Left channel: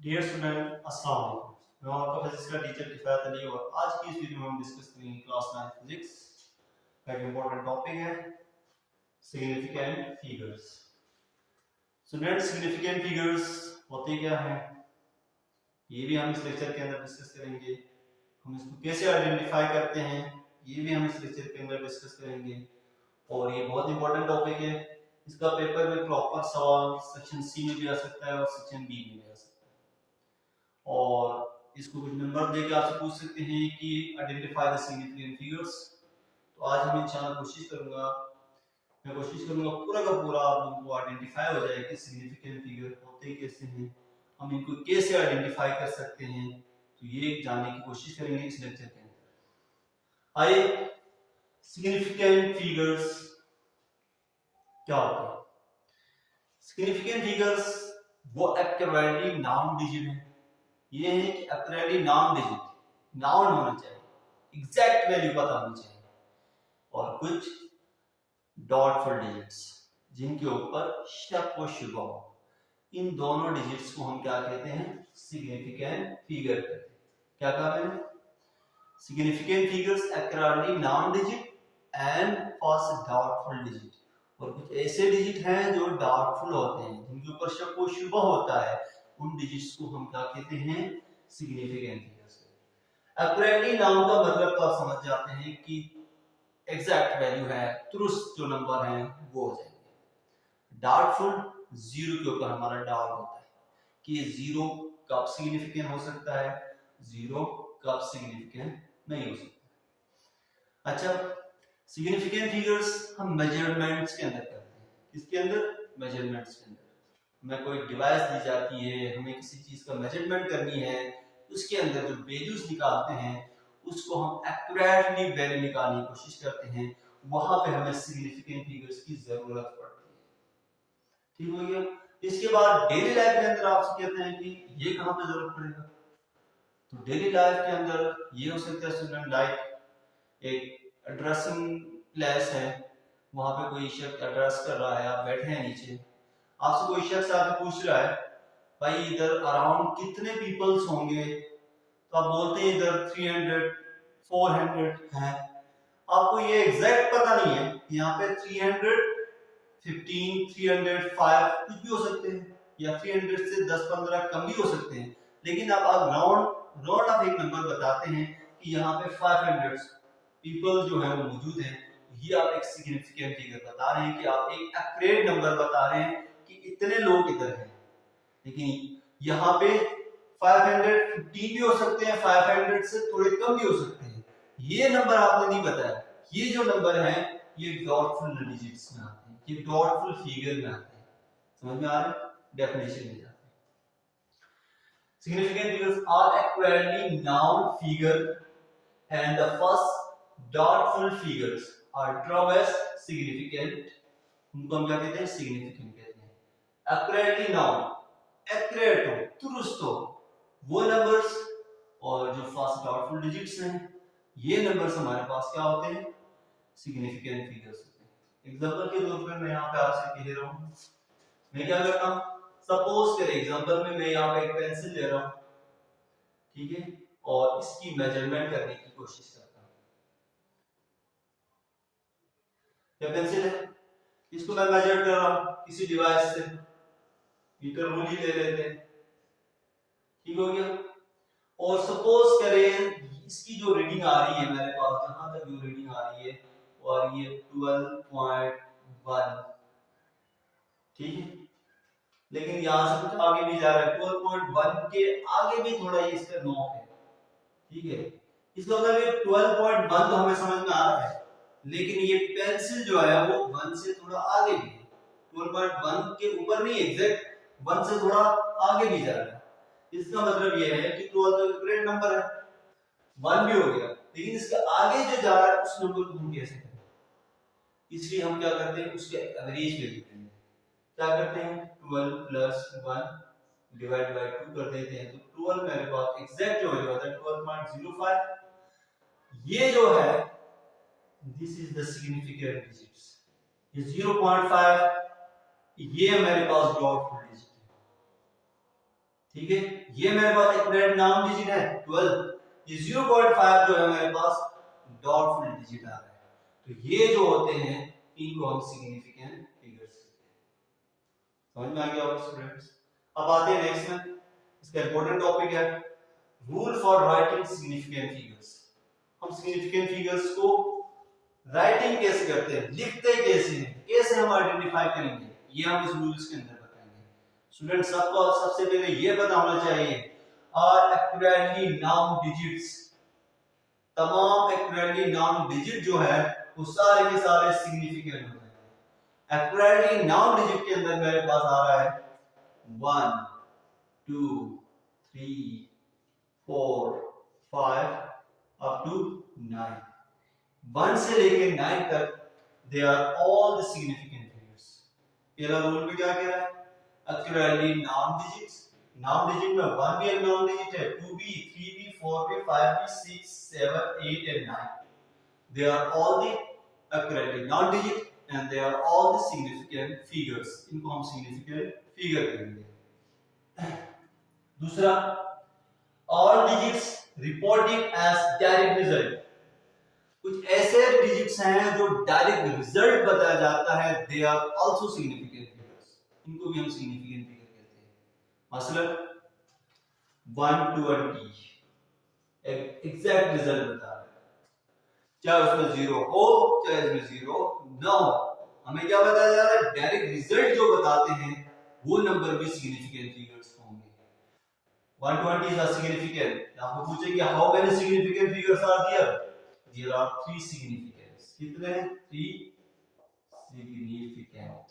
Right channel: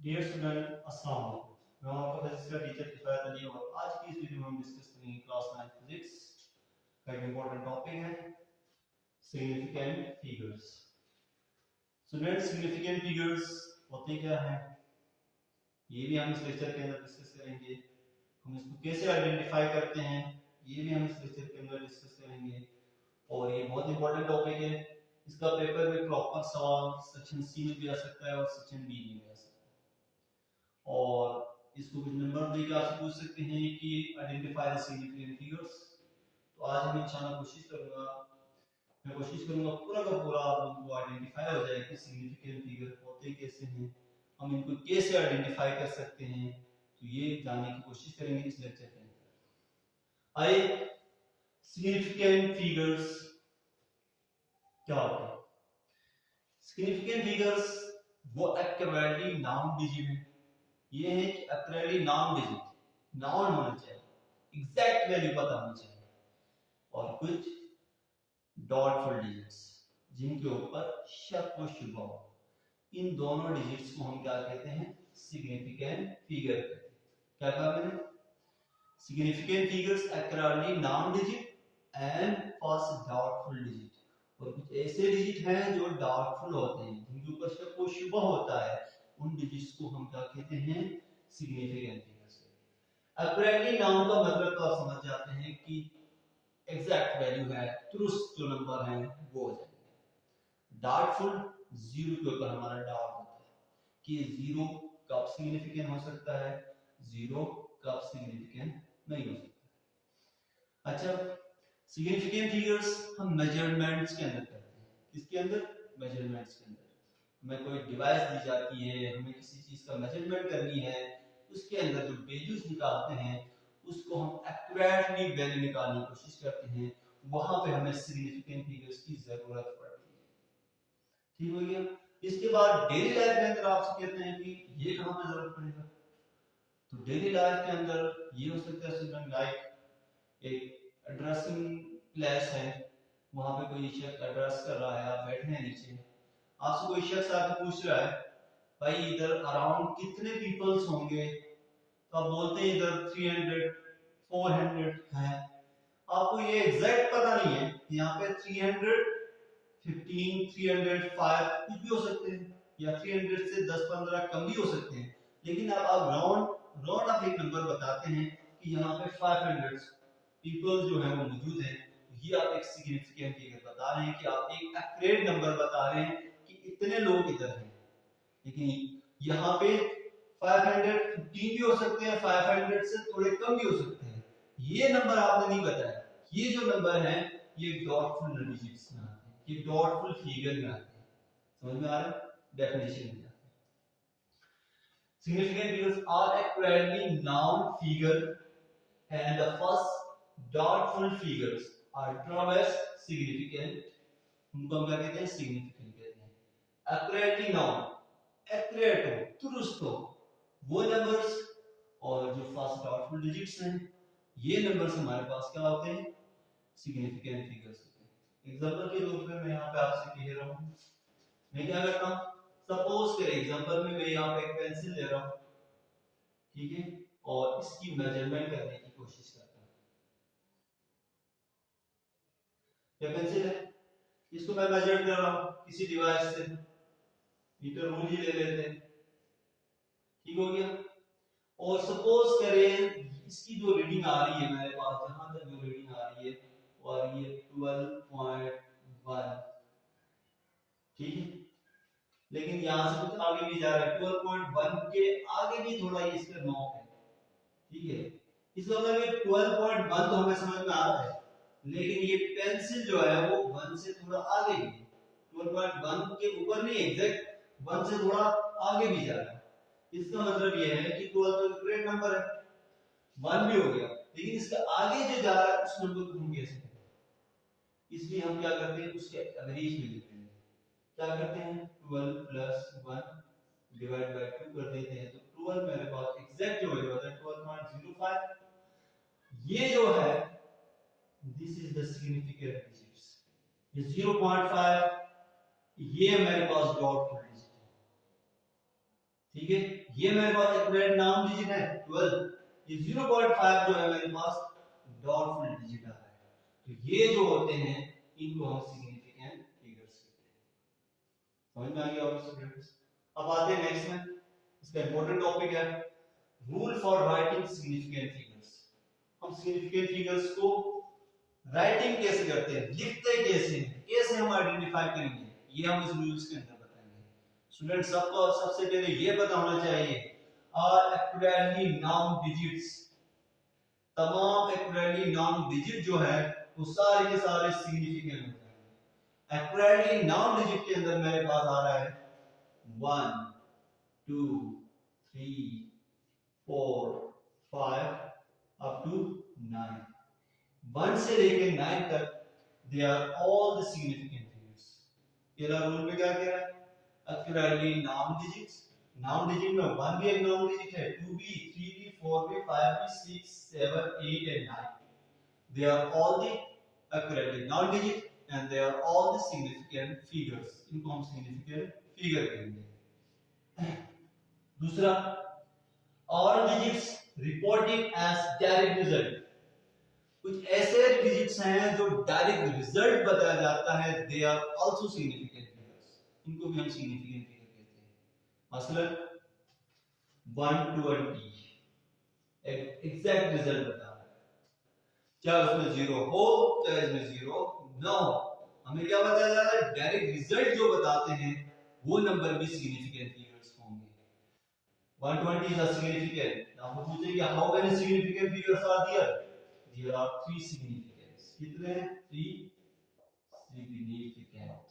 Dear student अस्सलाम वालेकुम। मैं आपका फिजिक्स का टीचर किफ़ायत अली और आज की इस वीडियो में हम डिस्कस करेंगे क्लास 9 फिजिक्स का एक इम्पोर्टेंट टॉपिक है significant figures. Student significant figures होते क्या हैं ये भी हम इस लेक्चर के अंदर डिस्कस करेंगे। हम इसको कैसे आइडेंटिफाई करते हैं ये भी हम इस लेक्चर के अंदर डिस्कस करेंगे और ये बहुत इंपॉर्टेंट टॉपिक है। इसका पेपर में प्रॉपर सवाल सेक्शन सी में भी आ सकता है और सेक्शन बी में भी आ सकता है और इसको कुछ नंबर देके आपसे पूछ सकते हैं कि आइडेंटिफाई द सिग्निफिकेंट फिगर्स। तो आज हम इंशाल्लाह मैं कोशिश करूंगा पूरा का पूरा आप लोगों को आइडेंटिफाई हो जाए कि सिग्निफिकेंट फिगर होते कैसे हैं, हम इनको कैसे आइडेंटिफाई कर सकते हैं। तो ये जानने की कोशिश करेंगे इस लेक्चर के अंदर। आइए, सिग्निफिकेंट फिगर्स क्या होते हैं? सिग्निफिकेंट फिगर्स वो एक्यूरेटली नाउन डिजिट है। ये है कि एक्यूरेटली नाउन डिजिट नाउन होना चाहिए, एग्जैक्ट वैल्यू पता होनी चाहिए और कुछ डॉटफुल डिजिट्स जिनके ऊपर शक व शुबा हो। इन दोनों डिजिट्स को हम क्या कहते हैं? सिग्निफिकेंट फिगर कहते हैं। क्या कहा मैंने? Significant figures accurately known digit and first doubtful digit. और कुछ ऐसे डिजिट हैं जो डाउटफुल होते हैं, जिनके ऊपर शक व शुबा होता है। उन डिजिट्स को हम क्या कहते हैं? Significant figures. एक्यूरेटली नाउन का मतलब तो आप समझ जाते हैं कि एग्जैक्ट वैल्यू है, दुरुस्त जो नंबर है वो हो जाएंगे। डाउटफुल, जीरो के ऊपर हमारा डाउट होता है कि ये जीरो कब सिग्निफिकेंट हो सकता है, जीरो कब सिग्निफिकेंट नहीं हो सकता। अच्छा, सिग्निफिकेंट फिगर्स हम मेजरमेंट्स के अंदर करते हैं। किसके अंदर? मेजरमेंट्स के अंदर। हमें कोई डिवाइस दी जाती है, हमें किसी चीज का मेजरमेंट करनी है, उसके अंदर जो वैल्यूज निकालते हैं उसको हम एक्यूरेटली वैल्यू निकालने की कोशिश करते हैं। वहां पे हमें सिग्निफिकेंट फिगर्स की जरूरत पड़ती है। ठीक हो गया। इसके बाद डेली लाइफ के अंदर आपसे कहते हैं कि ये कहां पे जरूरत पड़ेगा। तो डेली लाइफ के अंदर ये हो सकता है स्टूडेंट लाइक एक एड्रेसिंग प्लेस है, वहां पे कोई शख्स एड्रेस कर रहा है, आप बैठे हैं नीचे, आपसे कोई शख्स आके पूछ रहा है भाई इधर अराउंड कितने पीपल्स होंगे, तो आप बोलते हैं इधर 300 400 हैं। आपको ये एग्जैक्ट पता नहीं है, यहाँ पे 315 305 कुछ भी हो सकते हैं या 300 से 10-15 कम भी हो सकते हैं, लेकिन आप राउंड ऑफ एक नंबर बताते हैं कि यहाँ पे 500 पीपल जो है वो मौजूद हैं। ये आप एक सिग्निफिकेंट फिगर बता रहे हैं कि आप एक एक्यूरेट नंबर बता रहे हैं कि इतने लोग इधर हैं। लेकिन यहाँ पे 515 भी हो सकते हैं, 500 से थोड़े कम भी हो सकते हैं। ये नंबर आपने नहीं बताया। ये जो नंबर है ये डॉटफुल डिजिट्स में आते हैं, ये डॉटफुल फिगर में आते हैं। समझ में आ रहा है? डेफिनेशन में जाते हैं। Significant figures are accurately known figure and the first doubtful figures are termed as significant. उनको हम क्या कहते हैं? सिग्निफिकेंट कहते हैं। एक्यूरेटली नाउन, एक्यूरेट हो, दुरुस्त हो वो नंबर्स, और जो फर्स्ट डाउटफुल डिजिट्स हैं ये नंबर्स हमारे पास क्या होते हैं? सिग्निफिकेंट फिगर्स होते हैं। एग्जांपल के तौर पर मैं यहाँ पे आपसे कह रहा हूँ, मैं क्या करता हूँ, सपोज करें एग्जांपल में मैं यहाँ पे एक पेंसिल ले रहा हूँ, ठीक है, और इसकी मेजरमेंट करने की कोशिश करता हूँ। ये पेंसिल है, इसको मैं मेजर कर रहा हूँ किसी डिवाइस से, मीटर रूल ही ले लेते हैं, ठीक हो गया। और सपोज करें इसकी जो रीडिंग आ रही है मेरे पास, जहां तक जो रीडिंग आ रही है और ये 12.1, ठीक है, लेकिन यहां से कुछ आगे भी जा रहा है, 12.1 के आगे भी थोड़ा ये इसका नॉक है, ठीक है। इसका मतलब ये 12.1 तो हमें समझ में आ रहा है, लेकिन ये पेंसिल जो है वो 1 से थोड़ा आगे भी है, 12.1 के ऊपर नहीं, एग्जैक्ट 1 से थोड़ा आगे भी जा रहा है। इसका मतलब ये है कि 12 तो ग्रेट नंबर है, 1 भी हो गया, लेकिन इसके आगे जो जा रहा है उस नंबर को हम कैसे करें? इसलिए हम क्या करते हैं, उसके एवरेज ले लेते हैं। क्या करते हैं, 12 प्लस 1 डिवाइड बाय 2 कर देते हैं, तो 12 मेरे पास एग्जैक्ट जो वैल्यू आता है 12.05। ये जो है this is the significant digits. ये 0.5 ये मेरे पास डॉटफुल डिजिट है। ठीक है, ये मेरे पास एक्यूरेट नाउन डिजिट है 12, ये 0.5 जो है मेरे पास डॉटफुल डिजिट आ रहा है। तो ये जो होते हैं इनको हम सिग्निफिकेंट फिगर्स कहते हैं। समझ में आ गया होगा स्टूडेंट्स। अब आते हैं नेक्स्ट में, इसका इंपॉर्टेंट टॉपिक है rule for writing significant figures. हम सिग्निफिकेंट फिगर्स को राइटिंग कैसे करते हैं, लिखते कैसे हैं, कैसे हम आइडेंटिफाई करेंगे, ये हम इस रूल्स के अंदर बताएंगे। स्टूडेंट सबको सबसे पहले ये पता होना चाहिए आर एक्यूरेटली नाउन डिजिट्स, तमाम एक्यूरेटली नाउन डिजिट जो है वो सारे के सारे सिग्निफिकेंट होते हैं। एक्यूरेटली नाउन डिजिट के अंदर मेरे पास आ रहा है 1 2 3 4 5 अप टू 9, 1 से लेके 9 तक they are all the significant figures. पहला रूल भी क्या कह रहा है, accurately known digits, known digit में 1 भी एक नाउन डिजिट है, 2 भी, 3 भी, 4 भी, 5 भी, 6 7 8 and 9, they are all the accurately non digit and they are all the significant figures, इनको हम significant figure कहेंगे। दूसरा, all digits reported as direct result, कुछ ऐसे डिजिट्स हैं जो डायरेक्ट रिजल्ट बताया जाता है, they are also significant figures, इनको भी हम सिग्निफिकेंट फिगर कहते हैं। मसलन 120 एक एग्जैक्ट रिजल्ट बता रहा है, चाहे उसमें 0 हो चाहे इसमें 0 ना हो, हमें क्या बताया जा रहा है, डायरेक्ट रिजल्ट जो बताते हैं वो नंबर भी सिग्निफिकेंट फिगर्स होंगे। 120 इज सिग्निफिकेंट। आपको पूछेंगे how many significant figures are there, there are 3 significants, कितने हैं, 3 significant।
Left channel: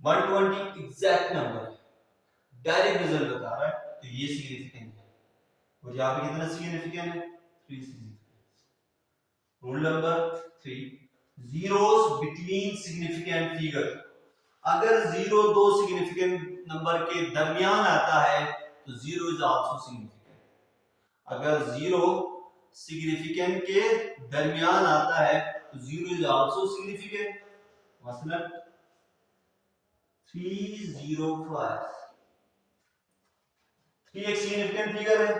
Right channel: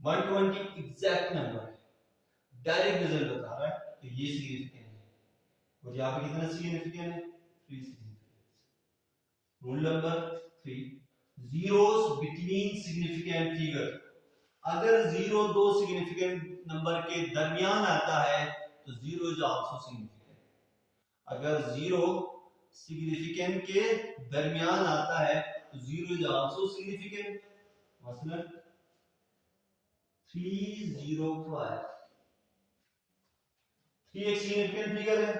120 एग्जैक्ट नंबर है, डायरेक्ट रिजल्ट बता रहा है, तो ये सिग्निफिकेंट है। और यहाँ पे कितना सिग्निफिकेंट है, 3 significant. Rule number 3, zeros between significant figure, अगर 0 दो सिग्निफिकेंट नंबर के दरमियान आता है तो 0 इज आल्सो सिग्निफिकेंट। अगर 0 सिग्निफिकेंट के दरमियान आता है तो 0 इज आल्सो सिग्निफिकेंट। मसलन 305, 3 एक सिग्निफिकेंट फिगर है,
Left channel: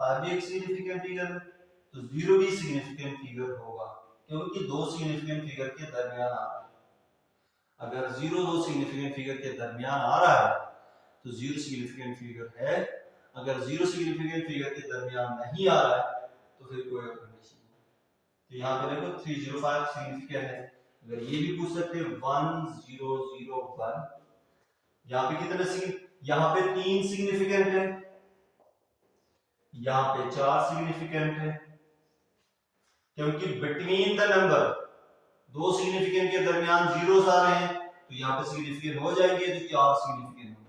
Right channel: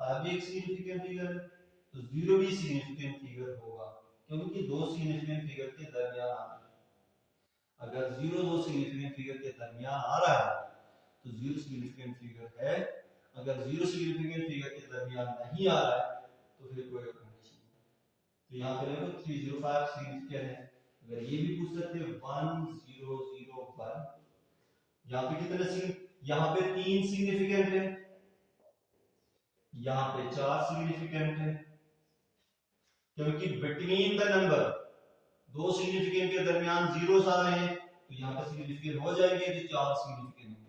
5 भी एक सिग्निफिकेंट फिगर है, तो 0 भी सिग्निफिकेंट फिगर होगा क्योंकि दो सिग्निफिकेंट फिगर के दरमियान आ रहा है। अगर 0 दो सिग्निफिकेंट फिगर के दरमियान आ रहा है तो 0 सिग्निफिकेंट फिगर है, अगर 0 सिग्निफिकेंट फिगर के दरमियान नहीं आ रहा है तो फिर कोई और कंडीशन नहीं। तो यहाँ पे देखो 305 सिग्निफिकेंट है, अगर ये भी पूछ सकते हैं 1001, यहाँ पे कितने, यहाँ पे 3 सिग्निफिकेंट है, यहाँ पे 4 सिग्निफिकेंट है, क्योंकि बिटवीन द नंबर दो सिग्निफिकेंट के दरमियान जीरोस आ रहे हैं तो यहाँ पे सिग्निफिकेंट हो जाएंगे, तो 4 सिग्निफिकेंट होंगे।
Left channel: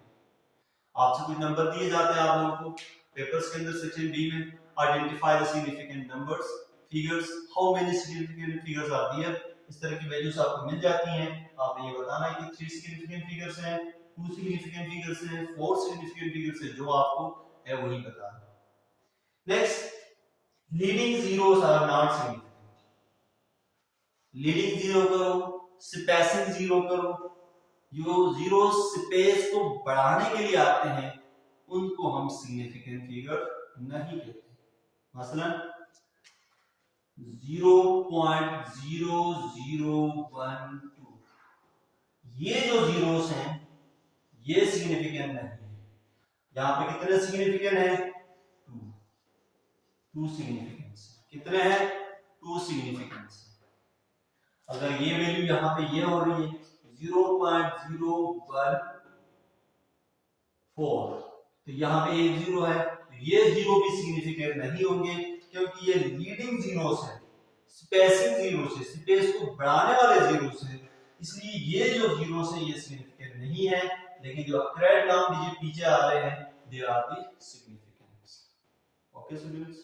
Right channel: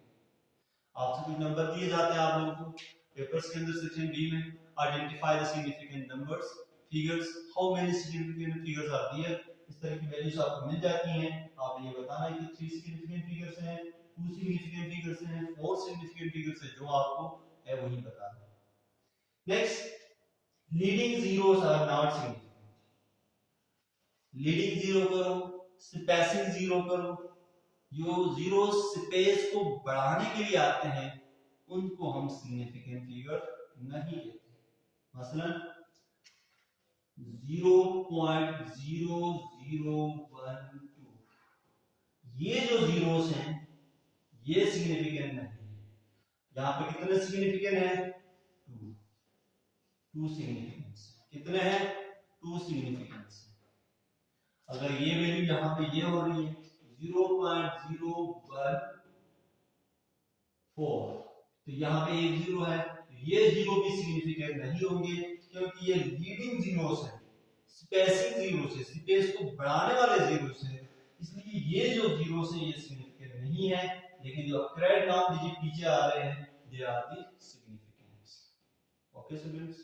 आपसे कुछ नंबर दिए जाते हैं आप लोगों को पेपर्स के अंदर सेक्शन बी में, identify the significant numbers figures, how many significant figures are there, इस तरह की वैल्यूज आपको मिल जाती हैं। आपने ये बताना है कि 3 सिग्निफिकेंट फिगर्स हैं, 2 सिग्निफिकेंट फिगर्स हैं, 4 सिग्निफिकेंट फिगर्स हैं, जो आपको है वही बताना। Next, leading zeros are not significant, leading zero करो, स्पेसिंग जीरो करो, जो जीरो स्पेस को बढ़ाने के लिए आते हैं उनको हम सिग्निफिकेंट फिगर नहीं कहते। मसलन 0.0012, ये जो जीरोस हैं ये सिग्निफिकेंट नहीं है। यहाँ पे कितने सिग्निफिकेंट है, 2 सिग्निफिकेंट्स, कितने हैं, 2 सिग्निफिकेंट्स। अगर ये वैल्यू यहाँ पे ये हो रही है 0.014, तो यहाँ पे एक जीरो है, तो ये जीरो भी सिग्निफिकेंट नहीं होंगे क्योंकि ये लीडिंग जीरोस है, स्पेसिंग जीरोस है, स्पेस को बढ़ाने वाले जीरोस है, इसलिए ये जो जीरोस है ये सिग्निफिकेंट नहीं है। लेकिन जो एक्यूरेट नाउन डिजिट पीछे आ रहे हैं they are the significants. Okay students,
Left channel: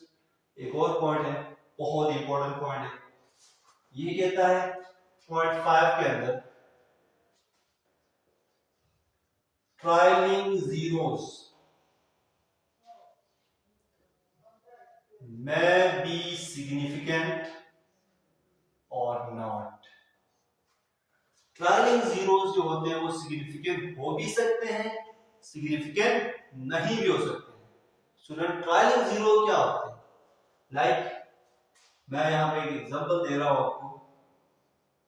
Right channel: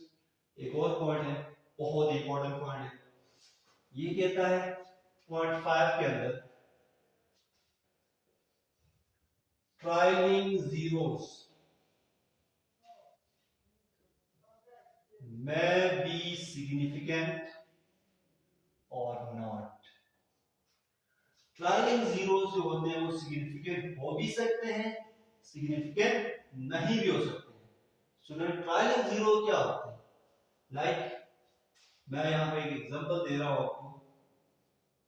एक और पॉइंट है, बहुत इंपॉर्टेंट पॉइंट है, ये कहता है पॉइंट 5 के अंदर trailing zeros may be significant or not। Trailing zeros जो होते हैं वो सिग्निफिकेंट हो भी सकते हैं सिग्निफिकेंट नहीं भी हो सकते हैं। स्टूडेंट ट्रायलिंग जीरो क्या होते हैं? लाइक मैं यहां पे एक एग्जांपल दे रहा हूं आपको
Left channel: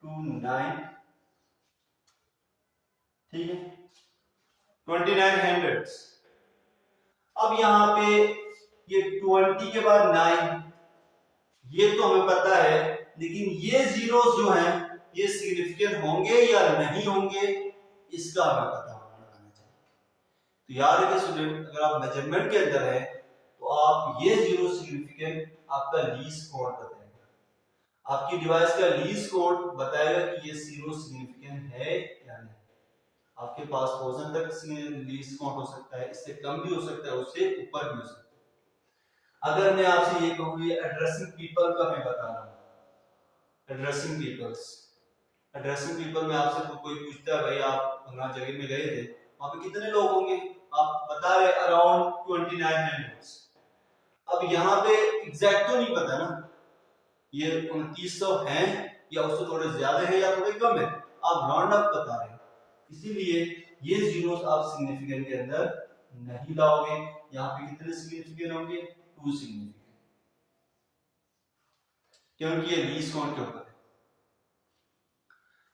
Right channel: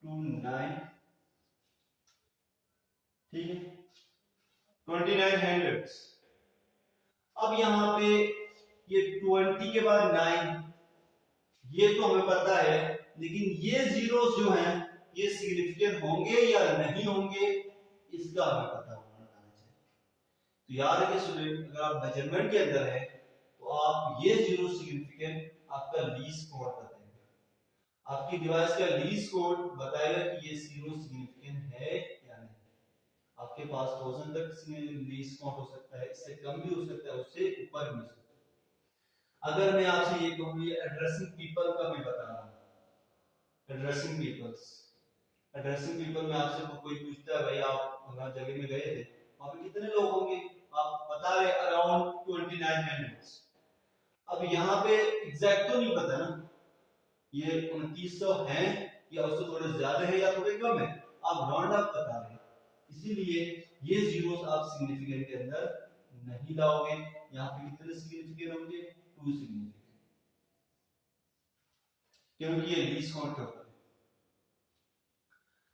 29, ठीक है, 29 हंड्रेड्स। अब यहां पे ये 20 के बाद 9, ये तो हमें पता है, लेकिन ये जीरोस जो हैं ये सिग्निफिकेंट होंगे या नहीं होंगे इसका हमें पता होना चाहिए। तो याद रखिए स्टूडेंट, अगर आप मेजरमेंट के अंदर है तो आप ये जीरो सिग्निफिकेंट आपका लीस्ट काउंट बताएगा, आपकी डिवाइस का लीस्ट काउंट बताएगा कि ये जीरो सिग्निफिकेंट है या नहीं। आपके पास 1000 तक लीस्ट काउंट हो सकता है, इससे कम भी हो सकता है, उससे ऊपर भी हो सकता है। अगर मैं आपसे ये कहूँ ये एड्रेसिंग पीपल का मैं बता रहा हूँ, एड्रेसिंग पीपल में आपसे तो कोई पूछता है भाई आप फलाना जगह में गए थे, वहां पे कितने लोग होंगे, आप बता रहे अराउंड 2900। अब यहाँ पे एग्जैक्ट तो नहीं पता ना ये 2900 हैं या उससे थोड़े ज्यादा है या थोड़े कम है, आप राउंड अप बता रहे हैं, इसीलिए ये जीरोस आप सिग्निफिकेंट के अंदर नहीं लाओगे। यहाँ पे कितने सिग्निफिकेंट होंगे, 2 सिग्निफिकेंट, क्योंकि ये लीस्ट काउंट के ऊपर है।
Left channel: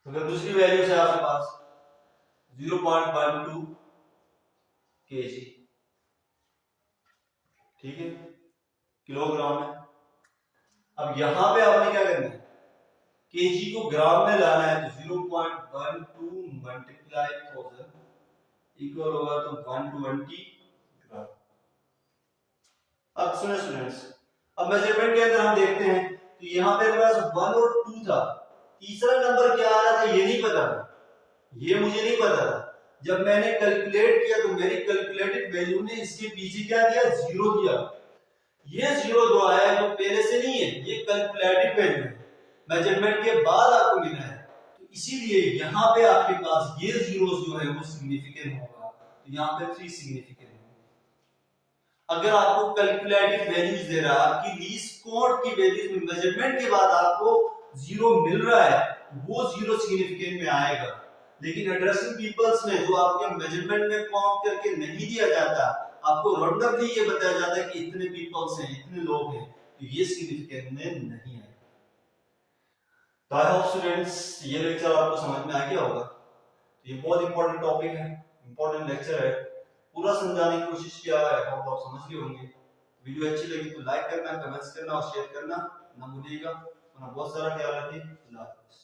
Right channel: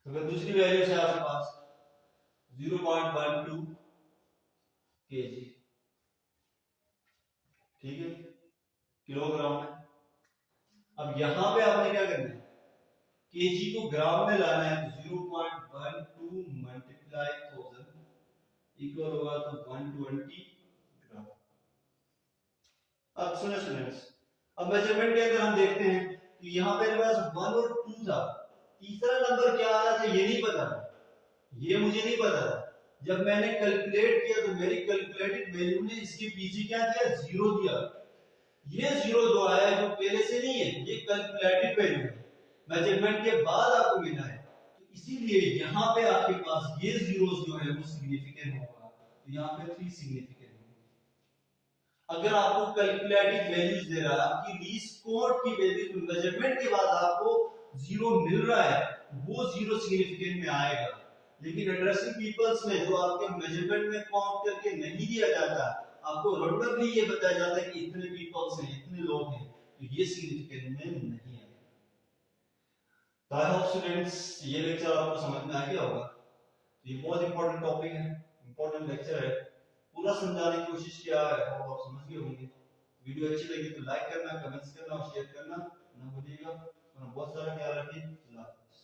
तो अगर दूसरी वैल्यू से आपके पास 0.12 kg, ठीक है, किलोग्राम है। अब यहां पे आपने क्या करना है, केजी को ग्राम में लाना है, तो 0.12 मल्टीप्लाई 1000 इक्वल होगा तो 120 ग्राम। अब सुने स्टूडेंट्स, अब मेजरमेंट के अंदर हम देखते हैं तो यहाँ पे पास 1 और 2 था, तीसरा नंबर क्या आ रहा था ये नहीं पता, ये मुझे नहीं पता था। जब मैंने कैलकुलेट किया तो मेरी कैलकुलेटेड वैल्यू ने इसके पीछे क्या दिया, 0 दिया। ये 0 जो आया है जो पहले से नहीं है, ये कैलकुलेटेड वैल्यू है, मेजरमेंट के बाद आपको मिला है, तो इसीलिए यहाँ पे आपके पास ये जीरोस जो है वो सिग्निफिकेंट होगा, तो यहाँ पे 3 सिग्निफिकेंट होंगे। अगर आपको कैलकुलेटेड वैल्यूज दे रहा है, आपकी लीस्ट काउंट की वैल्यूज में मेजरमेंट के बाद आपको 0 मिल रहा है, वो 0 सिग्निफिकेंट में आएगा। लेकिन एड्रेसिंग पीपल्स में जो आपके मेजरमेंट में काउंट करके नहीं दिया जाता, आपको रैंडमली ये बताया जाता है कि इतने पीपल्स हैं, इतने लोग हैं, तो ये सिग्निफिकेंट में नहीं है। तो आई होप स्टूडेंट्स ये लेक्चर आपको समझ में आ गया होगा। ये बहुत इंपॉर्टेंट टॉपिक है, इंपॉर्टेंट लेक्चर है, पूरा समझाने की कोशिश किया है, होप आप समझ गए होंगे। वीडियो अच्छी लगी तो लाइक करना, कमेंट्स करना और शेयर करना ना भूलिएगा। अपना बहुत सारा ख्याल रखिए। अल्लाह हाफिज़।